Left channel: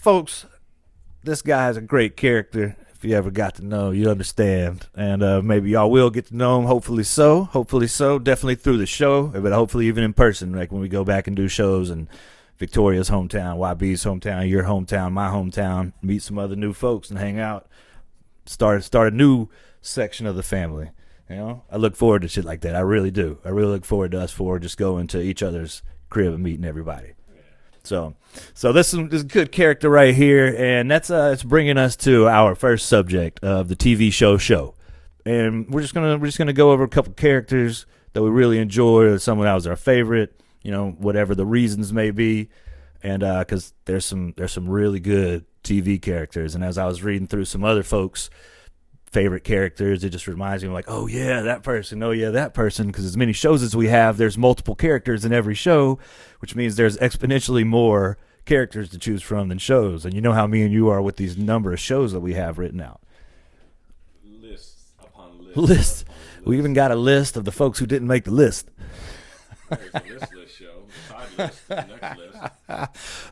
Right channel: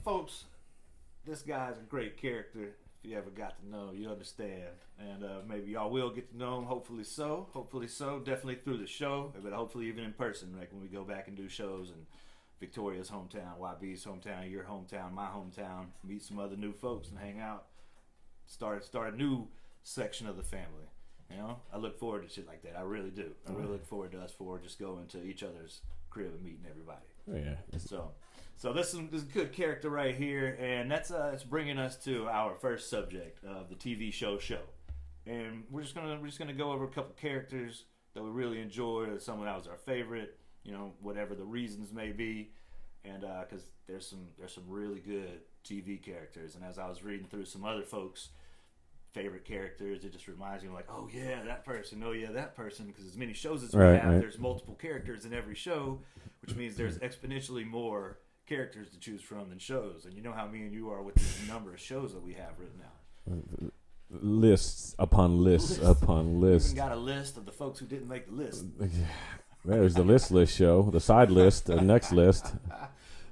folks, this guy has a great character. If you ever got to know him, you understand. And maybe y'all will get to know him. Hopefully so. Definitely through the show, but hopefully even in person, like when we go back and do shows in Victoria's hometown, YB's hometown, your hometown, my hometown, meet some other new folks and hang out. Start a new section of the family. You know, I look forward to shit like that. I really do. I really look forward to us just going to each other's crib and meeting everybody. Yeah. So this is a good character right here, and that's it's bringing us to our first subject of the TV show. And we're just gonna go over a couple characters that we really enjoy, or someone that was our favorite. You know, whatever the reasons may be, and because there's some really good TV characters, and as I was reading through some other folks' favorite characters, it just reminds me of like, oh yeah, that person, because as many shows as we have, there's multiple characters in every show, which means there's exponentially more characters to choose from than shows. And you know how me and you are with these number of shows that we have written out. Lists upon lists upon lists. We even got a list of the folks who didn't make the list. There's the list show, the side list, the next list.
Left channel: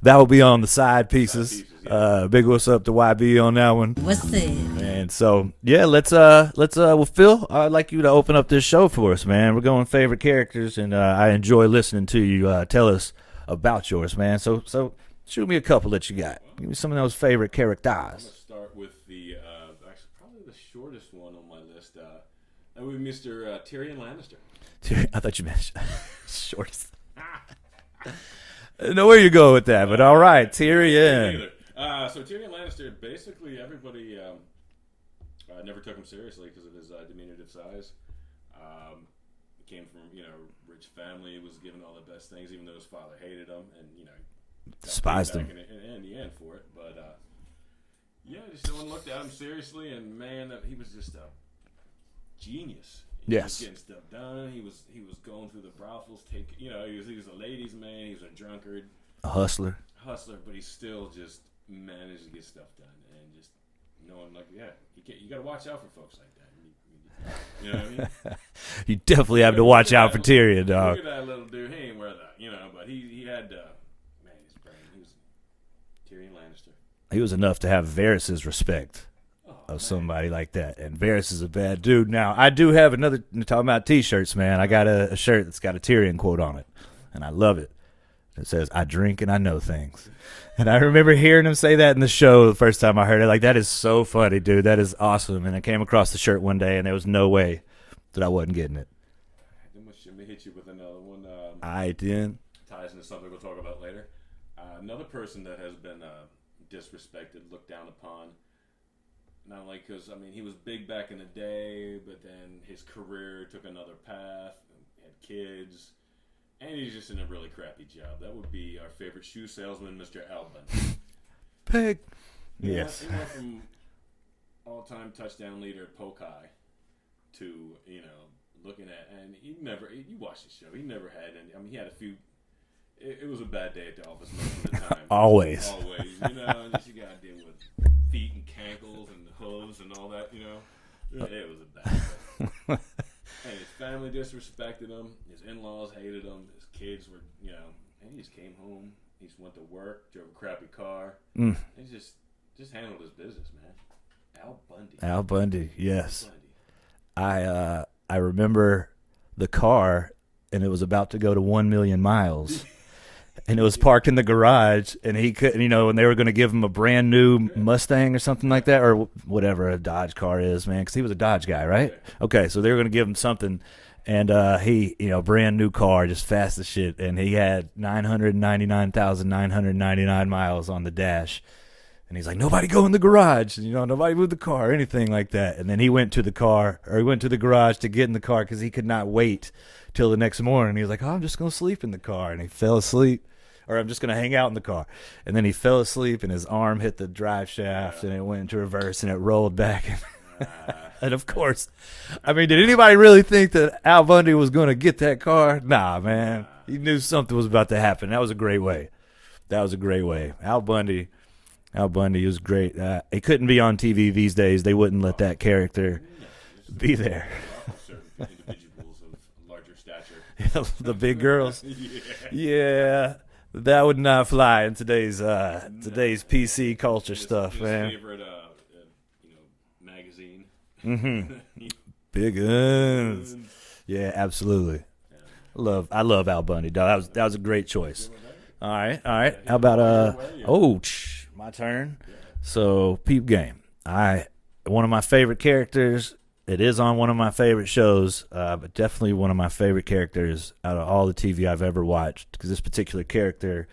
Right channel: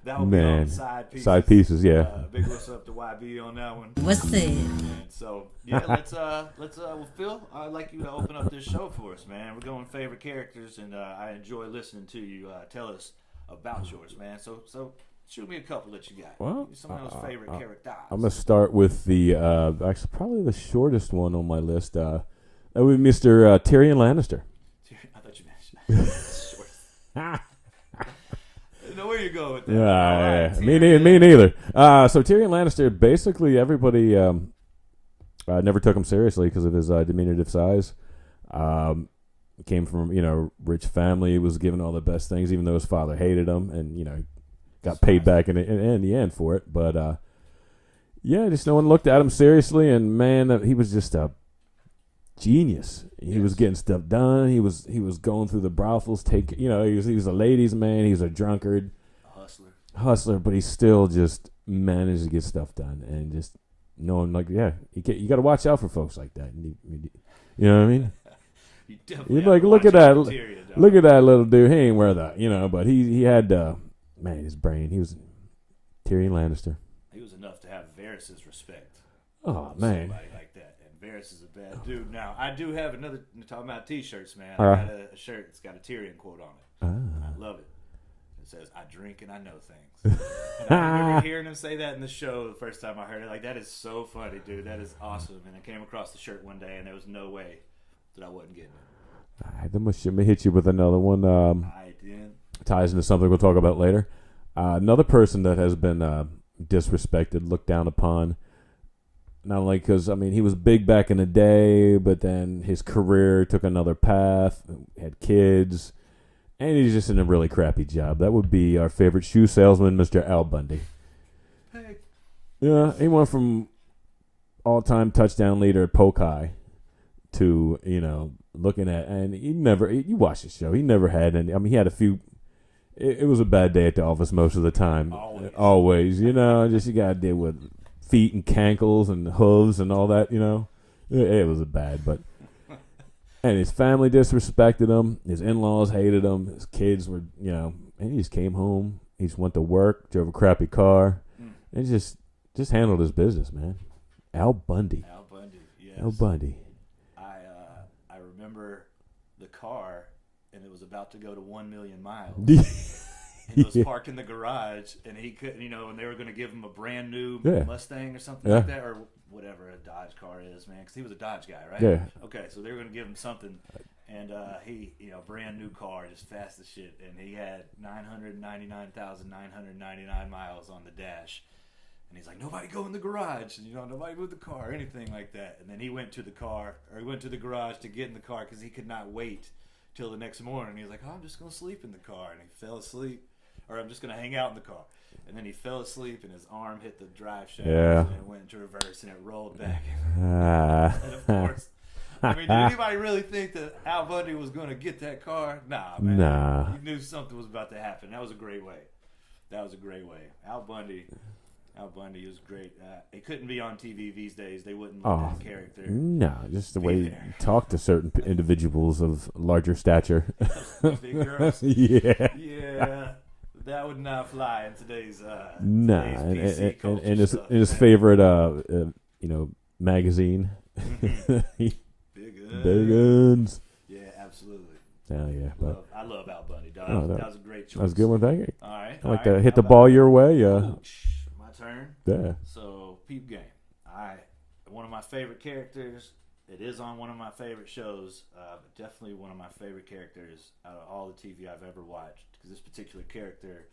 That will be on the side pieces. Side pieces, yeah. Big what's up to YB on that one. What's that? And so, yeah, let's well, Phil, I'd like you to open up this show for us, man. We're going favorite characters, and I enjoy listening to you tell us about yours, man. So shoot me a couple that you got. Well, give me some of those favorite characters. I'm going to start with the, actually probably the shortest one on my list. That would be Mr. Tyrion Lannister. I thought you mentioned shortest. Know where you go with that, but all right, yeah. Tyrion. Me neither. So Tyrion Lannister, basically everybody never took him seriously because of his diminutive size. Came from rich family, was given all the best things, even though his father hated him, and got Despised paid back in the end for it. But just no one looked at him seriously, and man, he was just a genius. He was getting stuff done. He was going through the brothels. He was a ladies' man. He was a drunkard, a hustler, but he still just managed to get stuff done. And just knowing, you got to watch out for folks like that. You know what I mean? You definitely have to watch out for Tyrion, dog. Look at that little dude. He ain't wear that, but he had his brain. He was Tyrion Lannister. He was enough to have Varys' respect. Of somebody like that. And Varys is a bad dude. Now, I do have another, talking about T-shirts, man. I got a shirt that's got a Tyrion quote on it, and I love it. It says, "I drink and I know things." And I remember hearing him say that in the show the first time I heard it. Like, that is so funny, dude. That is awesome. And I came across the shirt one day, and there was no way that I wasn't getting it. Let me hit you with another one. I did. Ties into something we'll talk about later. Another person that has been disrespected, looked down upon. Not only because, he was big back in the day, but then his career took another path, had kids, and he's just in a really crappy job. That would be our favorite shoe salesman, Mr. Al Bundy. Peg. Yeah, Yes. He went from all-time touchdown leader at Pokai to, looking at, and you watch the show, he never had any, he had a few. It was a bad day at the office most of the time. Always. Just you got to deal with feet and cankles and hooves and all that, It was bad, but... And his family disrespected him. His in-laws hated him. His kids were, and he just came home. He just went to work, drove a crappy car, and just handled his business, man. Al Bundy. Al Bundy, yes. Al Bundy. I remember the car, and it was about to go to 1 million miles. And it was parked in the garage, and he couldn't, and they were going to give him a brand new Mustang or something like that, or whatever a Dodge car is, man, because he was a Dodge guy, right? Yeah. Okay, so they were going to give him something, and he, brand new car, just fast as shit, and he had 999,999 miles on the dash. And he's like, nobody go in the garage, nobody move the car or anything like that. And then he went to the garage to get in the car because he could not wait till the next morning. He was like, I'm just going to sleep in the car. And he fell asleep. Or I'm just going to hang out in the car. And then he fell asleep, and his arm hit the drive shaft, and it went into reverse, and it rolled back. And of course, did anybody really think that Al Bundy was going to get that car? Nah, man. Nah. He knew something was about to happen. That was a great way. Al Bundy was great. He couldn't be on TV these days. They wouldn't let that character just the be way there. Talk to certain individuals of larger stature. The big girls. Yeah. Yeah. That would not fly in today's PC culture stuff. His favorite, magazine. Mm-hmm. Big Guns. Yeah, absolutely. I love Al Bundy, dog. That was a great choice. That's a good one, thank you. All right. Hit the ball your way. Yeah. Oh, my turn. Yeah. So, Peep Game. One of my favorite characters. It is on one of my favorite shows, but definitely one of my favorite characters out of all the TV I've ever watched, because this particular character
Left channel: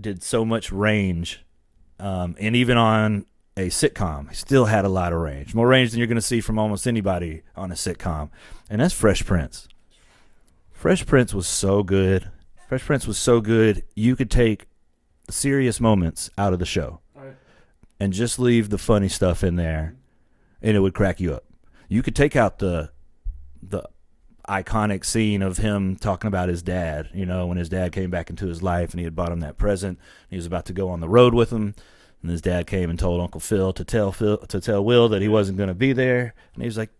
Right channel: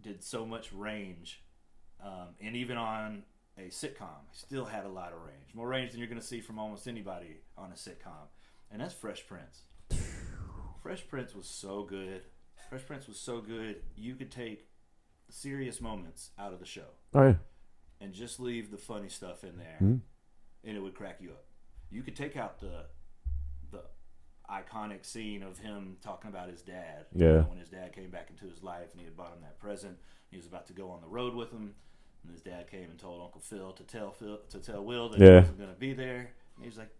did so much range, and even on a sitcom, he still had a lot of range, more range than you're going to see from almost anybody on a sitcom, and that's Fresh Prince. Fresh Prince was so good. Fresh Prince was so good, you could take serious moments out of the show and just leave the funny stuff in there, and it would crack you up. You could take out the iconic scene of him talking about his dad, you know, when his dad came back into his life and he had bought him that present. He was about to go on the road with him, and his dad came and told Uncle Phil to tell Will that he wasn't going to be there, and he was like,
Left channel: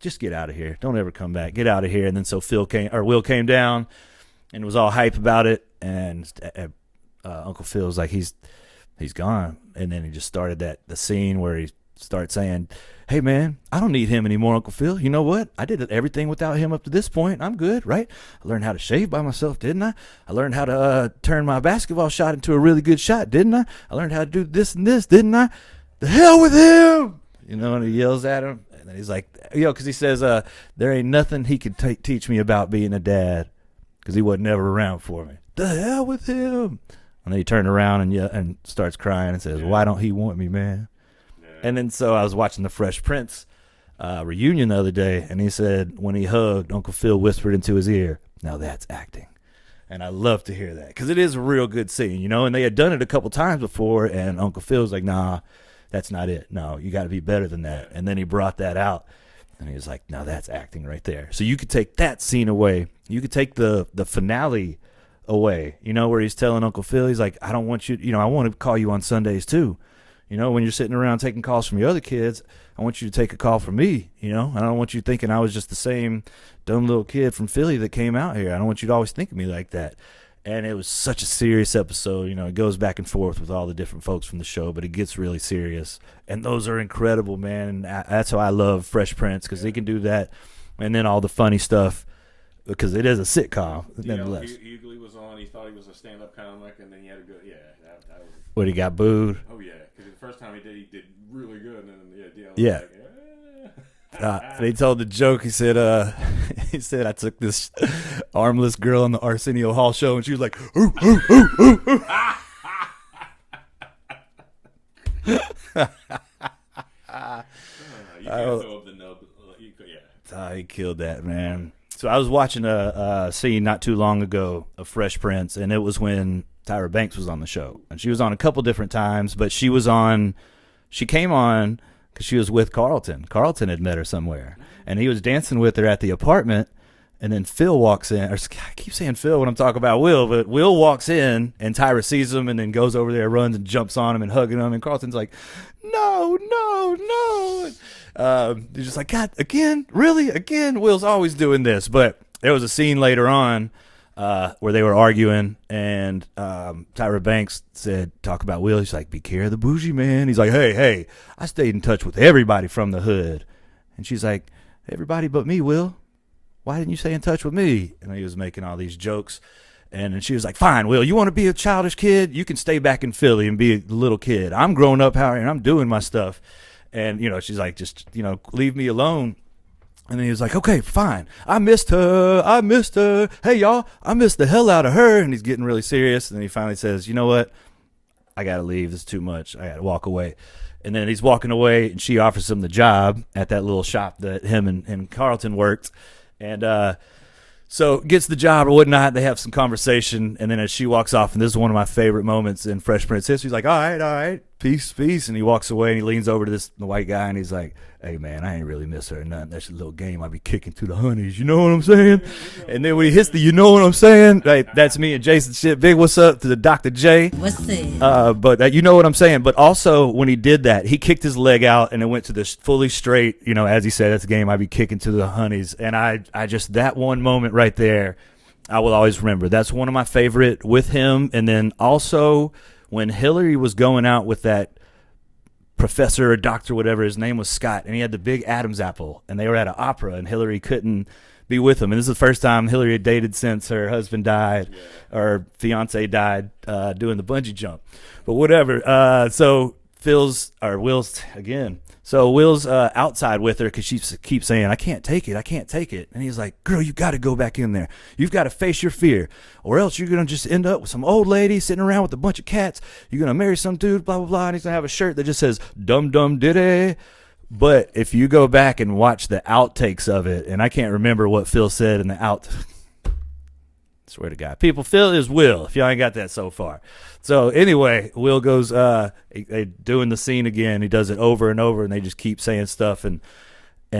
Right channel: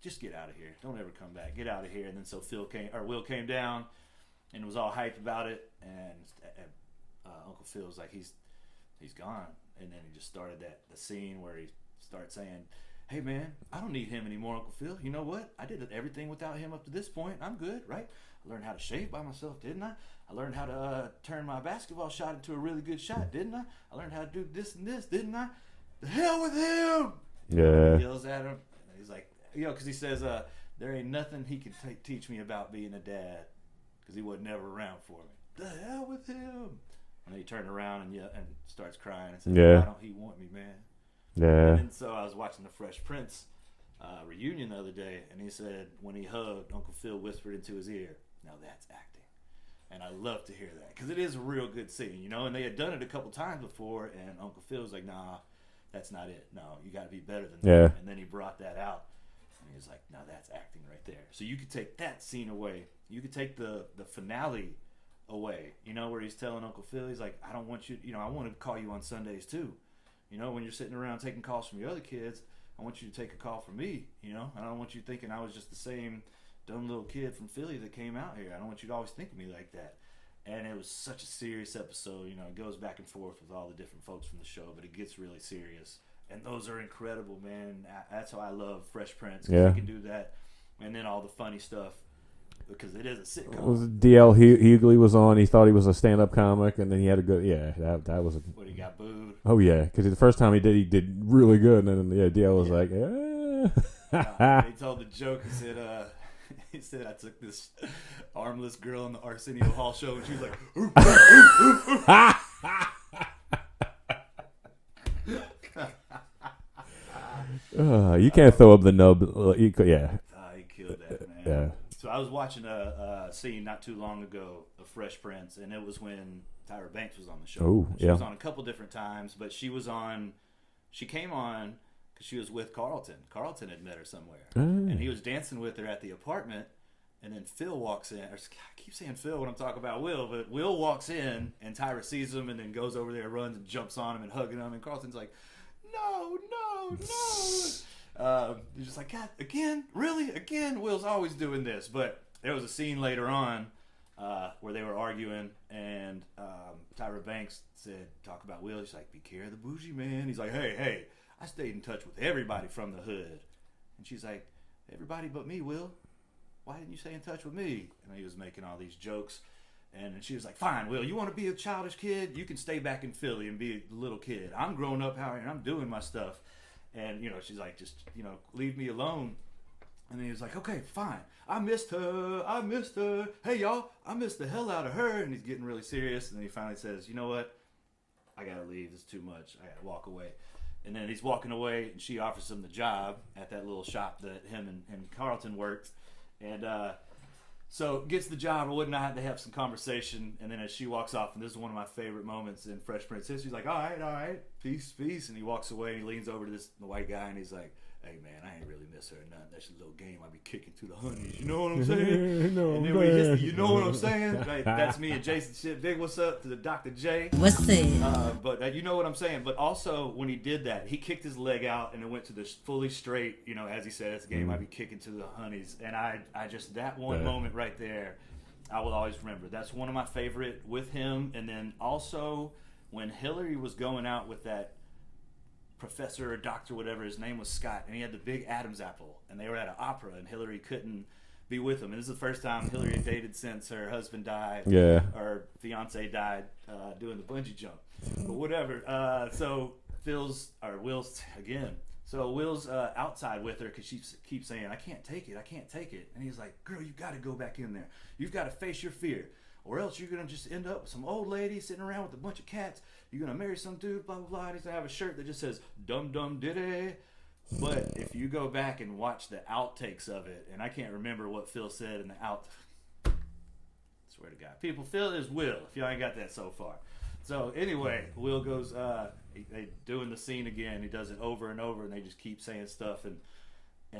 just get out of here. Don't ever come back. Get out of here. And then so Will came down and was all hype about it, and Uncle Phil was like, he's gone. And then he just started the scene where he starts saying, hey, man, I don't need him anymore, Uncle Phil. You know what? I did everything without him up to this point. I'm good, right? I learned how to shave by myself, didn't I? I learned how to turn my basketball shot into a really good shot, didn't I? I learned how to do this and this, didn't I? The hell with him! You know, and he yells at him. And then he's like, because he says, there ain't nothing he could teach me about being a dad, because he wasn't ever around for me. The hell with him! And then he turned around and starts crying and says, why don't he want me, man? Yeah. And then so I was watching the Fresh Prince reunion the other day, and he said when he hugged, Uncle Phil whispered into his ear, now that's acting. And I love to hear that, because it is a real good scene, you know, and they had done it a couple times before, and Uncle Phil was like, nah, that's not it. No, you got to be better than that. Yeah. And then he brought that out, and he was like, now that's acting right there. So you could take that scene away. You could take the finale away, you know, where he's telling Uncle Phil, he's like, I don't want you, I want to call you on Sundays too. You know, when you're sitting around taking calls from your other kids, I want you to take a call from me, you know. I don't want you thinking I was just the same dumb little kid from Philly that came out here. I don't want you to always think of me like that. And it was such a serious episode. You know, it goes back and forth with all the different folks from the show, but it gets really serious. And those are incredible, man. That's how I love Fresh Prince, because he can do that. And then all the funny stuff, because it is a sitcom. D.L. Hughley was on. He thought he was a stand-up comic, and then he had a good. Yeah, that was. What, he got booed? Oh yeah, because the first time he did really good, and then D.L. was like, He told the joke. He said, I took this armless girl on the Arsenio Hall show, and she was like, ooh, ooh, ooh, ooh. You can't throw up the nub. He killed that, man. Yeah. So I was watching a scene not too long ago of Fresh Prince, and it was when Tyra Banks was on the show. Ooh, and she was on a couple different times, but she came on because she was with Carlton. Carlton had met her somewhere, and he was dancing with her at the apartment, and then Phil walks in. I keep saying Phil when I'm talking about Will, but Will walks in, and Tyra sees him and then goes over there, runs and jumps on him and hugging him, and Carlton's like, no. He's just like, God, again? Really? Again? Will's always doing this. But there was a scene later on where they were arguing, and Tyra Banks said, talk about Will. He's like, be care of the bougie man. He's like, hey, I stayed in touch with everybody from the hood. And she's like, everybody but me, Will. Why didn't you stay in touch with me? And he was making all these jokes. And then she was like, fine, Will, you want to be a childish kid? You can stay back in Philly and be a little kid. I'm grown up here, and I'm doing my stuff. And, she's like, just, leave me alone. And then he was like, okay, fine. I missed her. Hey, y'all, I missed the hell out of her. And he's getting really serious. And then he finally says, you know what? I got to leave. This is too much. I got to walk away. And then he's walking away, and she offers him the job at that little shop that him and Carlton worked. And so gets the job or whatnot. They have some conversation. And then as she walks off, and this is one of my favorite moments in Fresh Prince history, he's like, all right, peace. And he walks away, and he leans over to the white guy, and he's like, hey, man, I ain't really miss her or nothing. That's a little game I be kicking through the honeys. You know what I'm saying? And then when he hits you know what I'm saying? Like, that's me and Jason shit. Big what's up to the Dr. J. What's it? But you know what I'm saying? But also, when he did that, he kicked his leg out, and it went to the fully straight, as he said, that's a game I be kicking to the honeys. And I just, that one moment right there, I will always remember. That's one of my favorite with him. And then also when Hillary was going out with that professor or doctor, whatever, his name was Scott, and he had the big Adam's apple, and they were at an opera, and Hillary couldn't be with him. And this is the first time Hillary had dated since her husband died, or fiance died doing the bungee jump. But whatever. So Will's again. So Will's outside with her because she keeps saying, I can't take it. And he's like, girl, you got to go back in there. You've got to face your fear, or else you're going to just end up with some old lady sitting around with a bunch of cats. You're going to marry some dude, blah, blah, blah. And he's going to have a shirt that just says, dum dum diddy. But if you go back and watch the outtakes of it, and I can't remember what Phil said in the swear to God. People, Phil is Will, if y'all ain't got that so far. So anyway, Will goes doing the scene again. He does it over and over, and they just keep saying stuff, and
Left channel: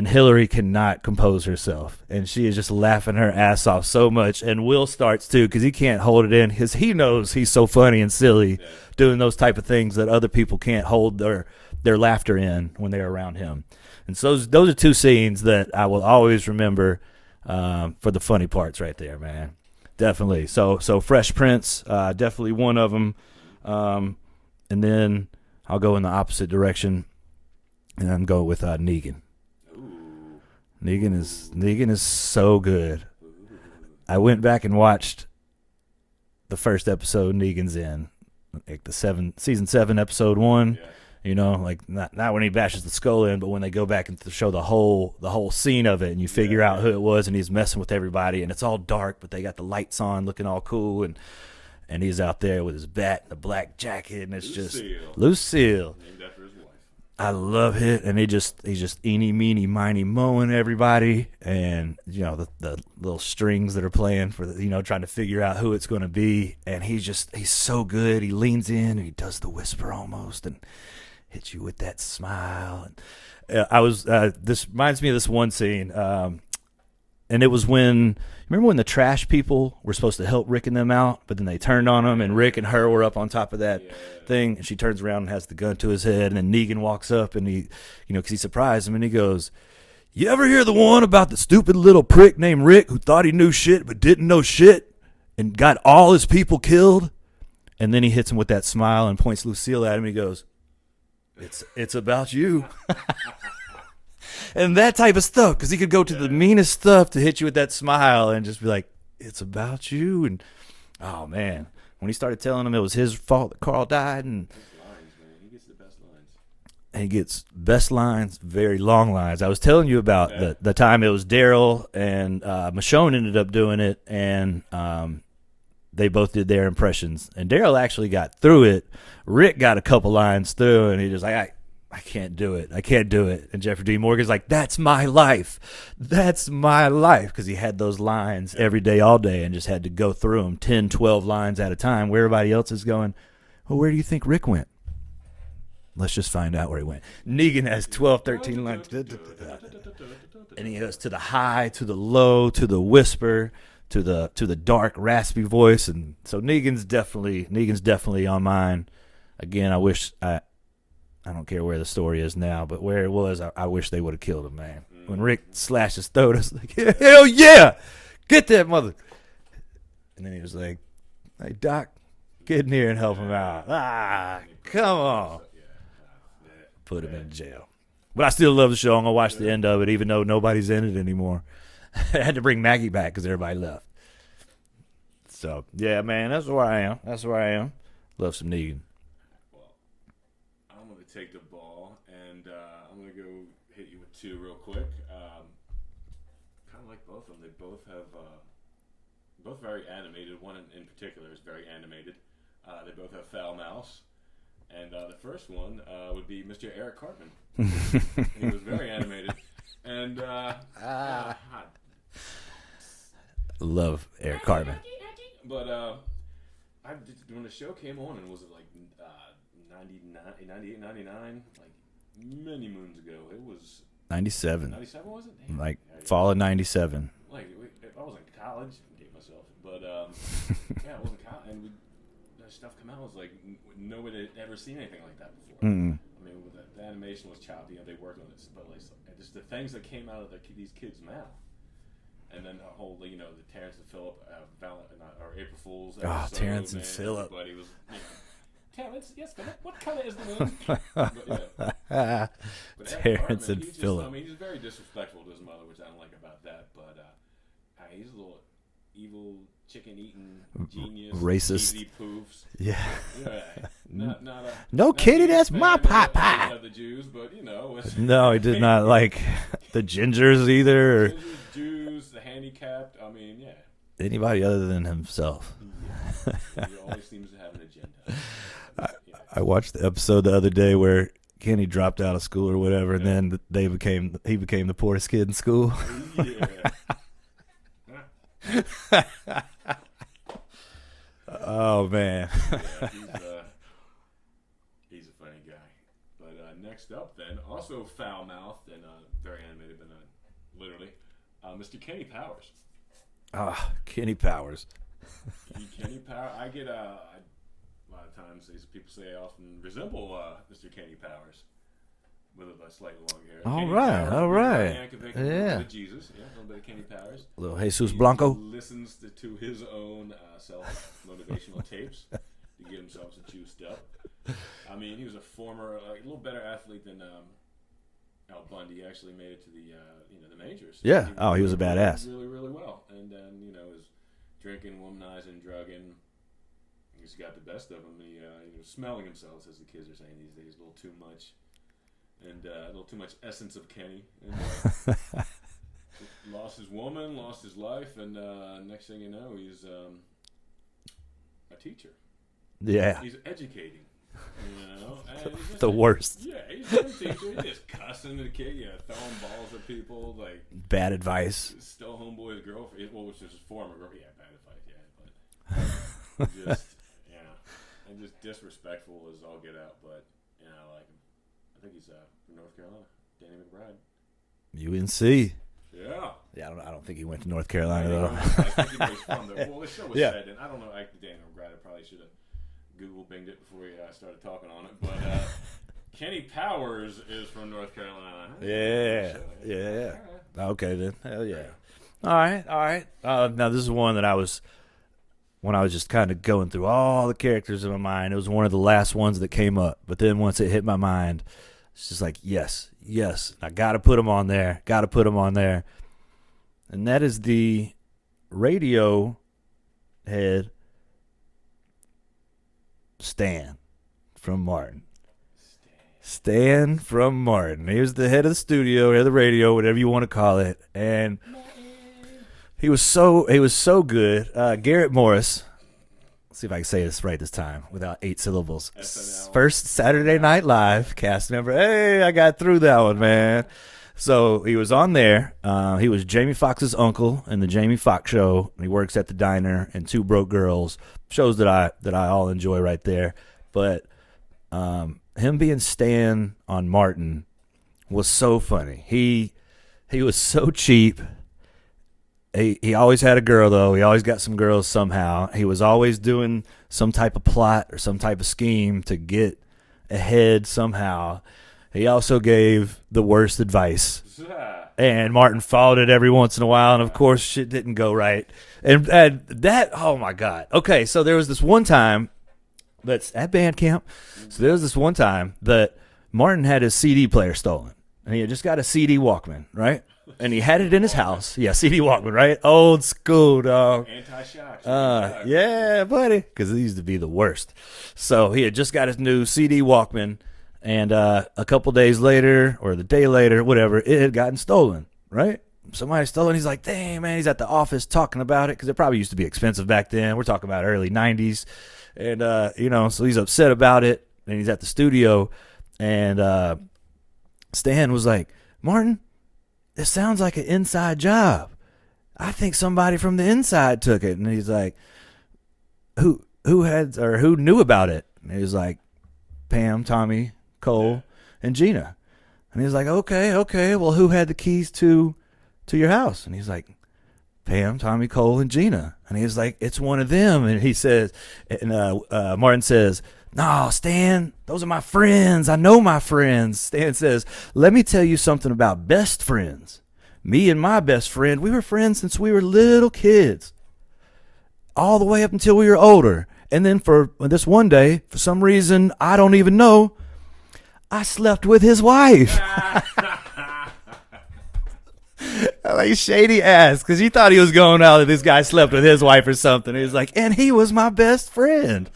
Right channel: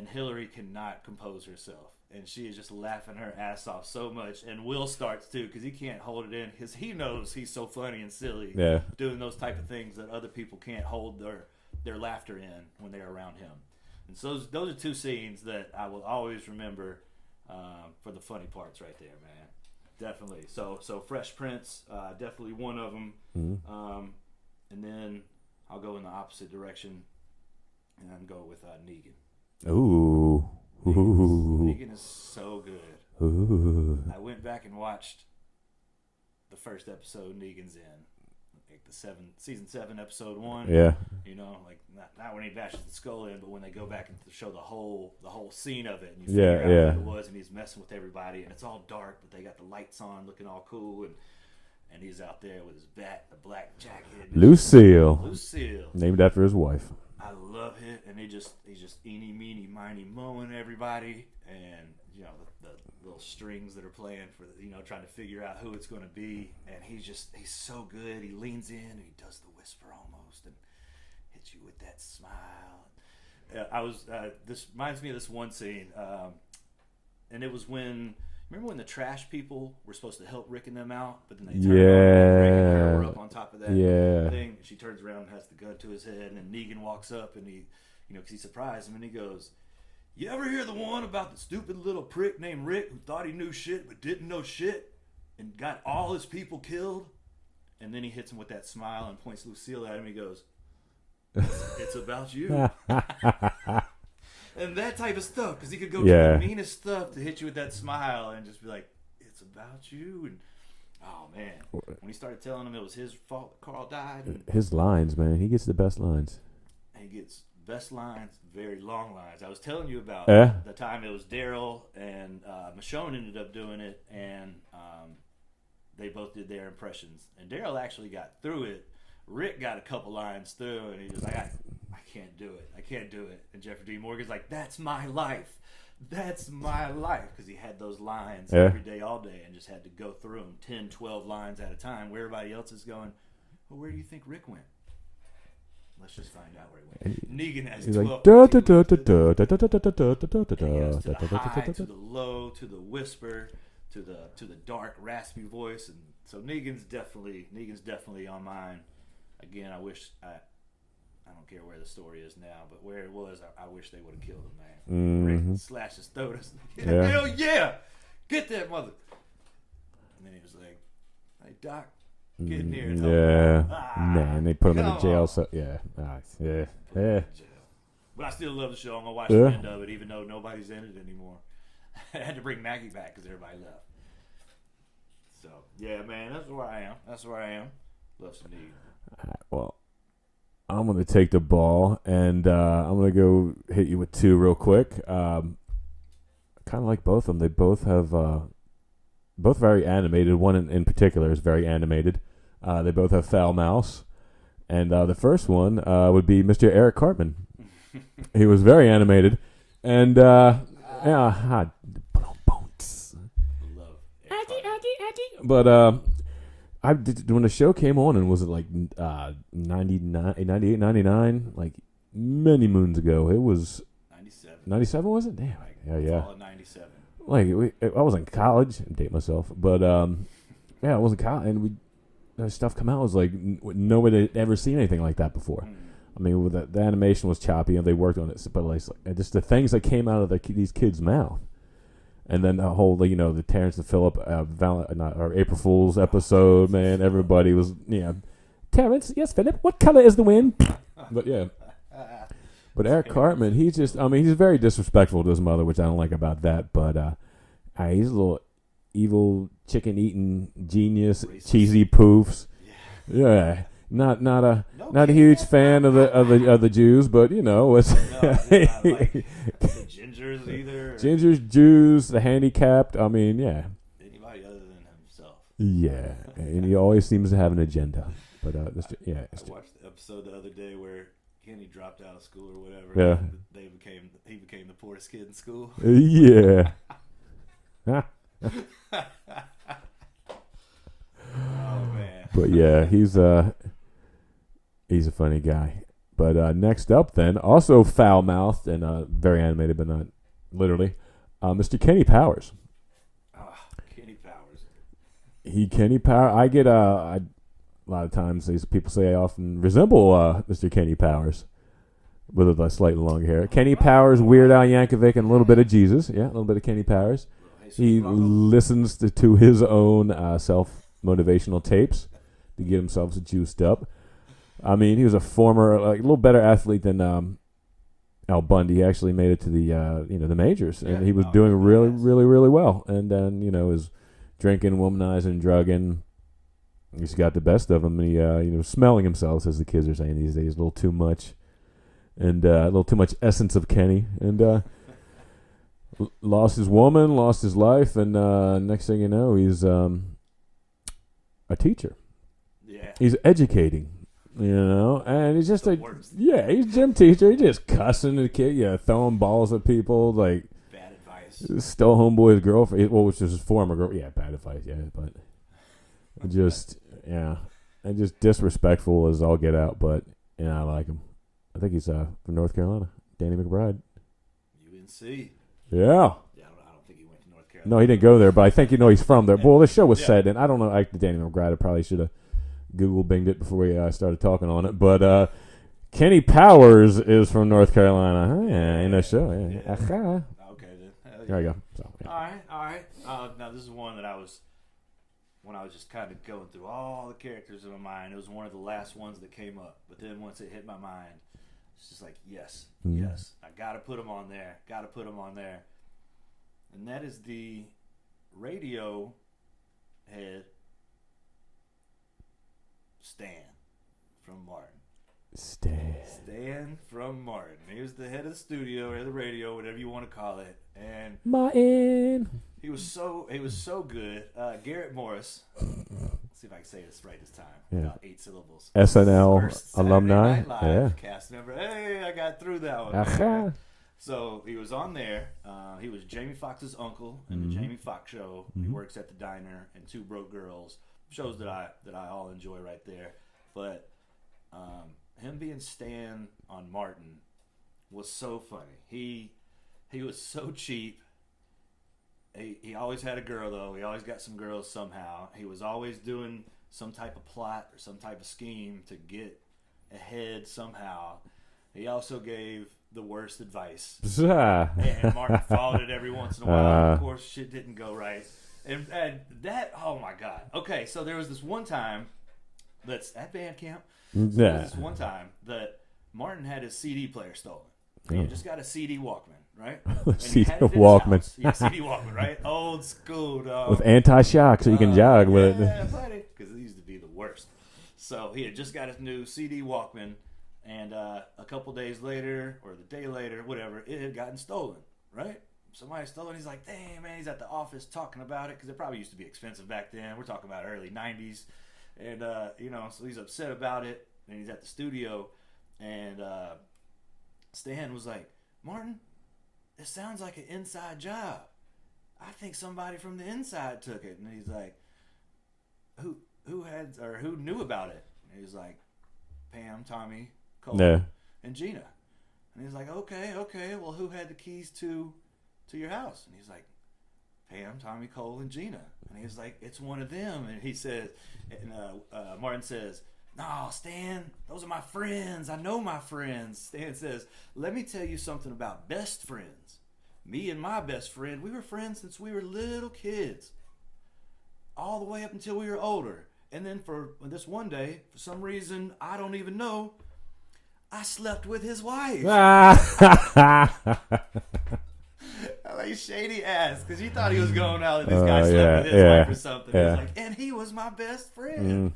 Hillary cannot compose herself, and she is just laughing her ass off so much. And Will starts too, because he can't hold it in, because he knows he's so funny and silly doing those type of things that other people can't hold their laughter in when they're around him. And so those are two scenes that I will always remember for the funny parts right there, man. Definitely. So Fresh Prince, definitely one of them. And then I'll go in the opposite direction, and I'm going with Negan. Ooh. Negan is so good. Ooh. I went back and watched the first episode Negan's in, like the season 7, episode 1. Yeah. You know, like not when he bashes the skull in, but when they go back and show the whole scene of it, and you figure out who it was, and he's messing with everybody, and it's all dark, but they got the lights on, looking all cool, and he's out there with his bat, the black jacket, and it's Lucille, named after his wife. I love it, and he's just eeny, meeny, miny, mowing everybody, and you know the little strings that are playing for trying to figure out who it's going to be, and he's so good. He leans in, and he does the whisper almost, and hits you with that smile. And this reminds me of this one scene, and it was remember when the trash people were supposed to help Rick and them out, but then they turned on them, and Rick and her were up on top of that thing, and she turns around and has the gun to his head, and then Negan walks up, and he, because he surprised him, and he goes, you ever hear the one about the stupid little prick named Rick who thought he knew shit but didn't know shit and got all his people killed? And then he hits him with that smile and points Lucille at him. He goes, it's about you. And that type of stuff, because he could go to the meanest stuff to hit you with that smile and just be like, it's about you. And oh man, when he started telling him it was his fault that Carl died, and his lines, man, he gets the best lines. And he gets best lines, very long lines. I was telling you about the time it was Daryl and Michonne ended up doing it, and they both did their impressions. And Daryl actually got through it. Rick got a couple lines through, and he just like, I can't do it. I can't do it. And Jeffrey D. Morgan's like, that's my life. That's my life. Because he had those lines every day, all day, and just had to go through them 10, 12 lines at a time, where everybody else is going, well, where do you think Rick went? Let's just find out where he went. Negan has 12, 13 lines. And he goes to the high, to the low, to the whisper, to the dark, raspy voice. And so Negan's definitely on mine. Again, I wish I don't care where the story is now, but where it was, I wish they would have killed him, man. When Rick slashed his throat, I was like, hell yeah, get that mother. And then he was like, hey, Doc, get in here and help him out. And they put him in jail. So, put him in jail. But I still love the show. I'm going to watch the end of it, even though nobody's in it anymore. I had to bring Maggie back because everybody left. So, yeah, man, that's where I am. Love some Negan. Well, I'm going to take the ball, and I'm going to go hit you with two real quick. Kind of like both of them. They both have both very animated. One in particular is very animated. They both have foul mouths. And the first one would be Mr. Eric Cartman. He was very animated. And, love Eric Cartman. But when the show came on, and was it like 99, 98, 99? Like many moons ago. It was 97. 97 was it? Damn. Like fall of 97. Like I was in college. I date myself, but I was in college, and stuff come out. It was like nobody had ever seen anything like that before. Mm-mm. I mean, the animation was choppy, and they worked on it, but like just the things that came out of these kids' mouth. And then the whole, the Terrence and Phillip or April Fool's episode, Terrence man. Everybody was, Terrence, yes, Phillip. What color is the wind? But yeah. But Eric Cartman, he's very disrespectful to his mother, which I don't like about that. But he's a little evil, chicken-eating genius, racist, cheesy poofs. Yeah. Not a kidding, huge fan of the Jews, but no, he did not like the gingers either. Gingers, Jews, the handicapped. I mean, yeah. Anybody other than himself. Yeah, and he always seems to have an agenda. But, I watched the episode the other day where Kenny dropped out of school or whatever, and then he became the poorest kid in school. Yeah. Oh man. But yeah, he's a funny guy. But next up, then, also foul-mouthed and very animated, but not literally, Mr. Kenny Powers. Kenny Powers. Kenny Powers. I get a lot of times these people say I often resemble Mr. Kenny Powers with a slightly longer hair. Kenny Powers, Weird Al Yankovic, and a little bit of Jesus. Yeah, a little bit of Kenny Powers. A little Jesus Blanco. He listens to his own self-motivational tapes to get himself juiced up. I mean, he was a former, a little better athlete than Al Bundy. He actually made it to the majors. Yeah, he was doing really, really well. And then was drinking, womanizing, drugging. He's got the best of him. And he smelling himself, as the kids are saying these days, a little too much, and a little too much essence of Kenny. And lost his woman, lost his life, and next thing you know, he's a teacher. Yeah, he's educating. And he's just the worst. Yeah, he's a gym teacher. He's just cussing the kid, throwing balls at people, like bad advice. Stole homeboy's girlfriend, which was his former girl. Yeah, bad advice. Yeah, but just and just disrespectful as all get out. But I like him. I think he's from North Carolina. Danny McBride. UNC. Yeah. Yeah, I don't think he went to North Carolina. No, he didn't go there, but I think he's from there. Well, the show was set, and I don't know. Danny McBride, I probably should have Google binged it before we started talking on it, but Kenny Powers is from North Carolina. Huh? In that show. Yeah. Okay then. Hell yeah. There you go. So, All right. Now this is one that when I was just kind of going through all the characters in my mind. It was one of the last ones that came up, but then once it hit my mind, it's just like yes, I got to put them on there. And that is the radio head. Stan from Martin. Stan from Martin. He was the head of the studio, or the radio, whatever you want to call it. And Martin. He was so good. Garrett Morris. Let's see if I can say this right this time without 8 syllables. SNL. First Saturday Night Live cast member. Hey, I got through that one, man. So he was on there. He was Jamie Foxx's uncle in the Jamie Foxx Show. He works at the diner and Two Broke Girls. Shows that I all enjoy right there. But him being Stan on Martin was so funny. He was so cheap. He always had a girl, though. He always got some girls somehow. He was always doing some type of plot or some type of scheme to get ahead somehow. He also gave the worst advice. And Martin followed it every once in a while. And, of course, shit didn't go right. And that, oh, my God. Okay, so there was this one time that's at band camp. There was this one time that Martin had his CD player stolen. And he had just got a CD Walkman, right? And he had it in his house. Yeah, CD Walkman, right? Old school, dog. With anti-shock so you can jog. Yeah, buddy. Because it used to be the worst. So he had just got his new CD Walkman. And a couple days later, or the day later, whatever, it had gotten stolen, right? Somebody stole it. He's like, dang, man, he's at the office talking about it. Because it probably used to be expensive back then. We're talking about early 90s. And, so he's upset about it. And he's at the studio. And Stan was like, Martin, this sounds like an inside job. I think somebody from the inside took it. And he's like, who knew about it? And he was like, Pam, Tommy, Cole, and Gina. And he's like, okay. Well, who had the keys to your house? And he's like, Pam, Tommy, Cole, and Gina. And he's like, it's one of them. And he says, and Martin says, no, Stan, those are my friends. I know my friends. Stan says, let me tell you something about best friends. me and my best friend, we were friends since we were little kids, all the way up until we were older. And then for this one day, for some reason, I don't even know, I slept with his wife. Like shady ass, because he thought he was going out and this guy slept with his wife or something. He was like, and he was my best friend.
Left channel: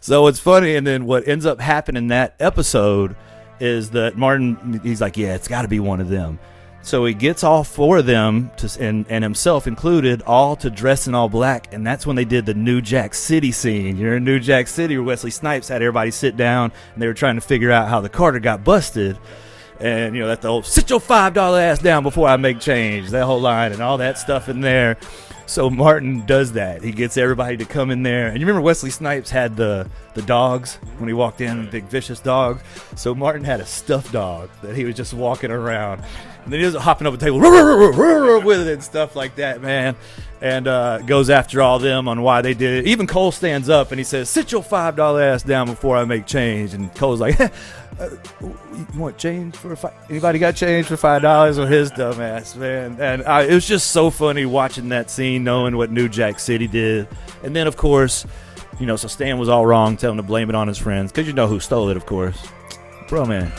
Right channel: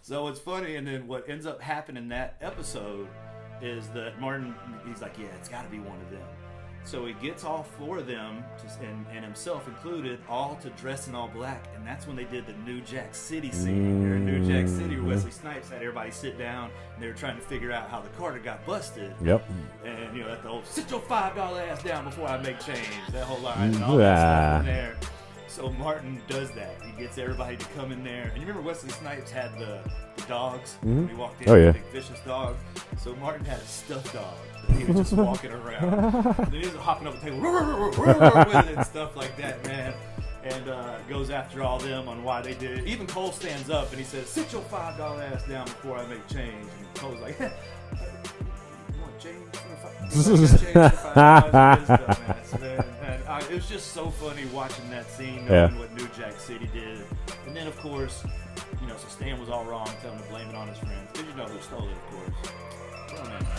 So it's funny. And then what ends up happening in that episode is that Martin, he's like, yeah, it's got to be one of them. So he gets all four of them, and himself included, all to dress in all black. And that's when they did the New Jack City scene. You're in New Jack City where Wesley Snipes had everybody sit down, and they were trying to figure out how the Carter got busted. Yep. And, that's the old, sit your $5 ass down before I make change. That whole line and all that stuff in there. So Martin does that. He gets everybody to come in there. And you remember Wesley Snipes had the dogs when he walked in, the big vicious dog. So Martin had a stuffed dog that he was just walking around. And then he was hopping up a table with it and stuff like that, man. And goes after all them on why they did it. Even Cole stands up and he says, sit your $5 ass down before I make change. And Cole's like, you want change for anybody got change for $5 with his dumb ass, man. And it was just so funny watching that scene, knowing what New Jack City did. And then, of course, so Stan was all wrong, telling him to blame it on his friends, because you know who stole it, of course. Bro, man.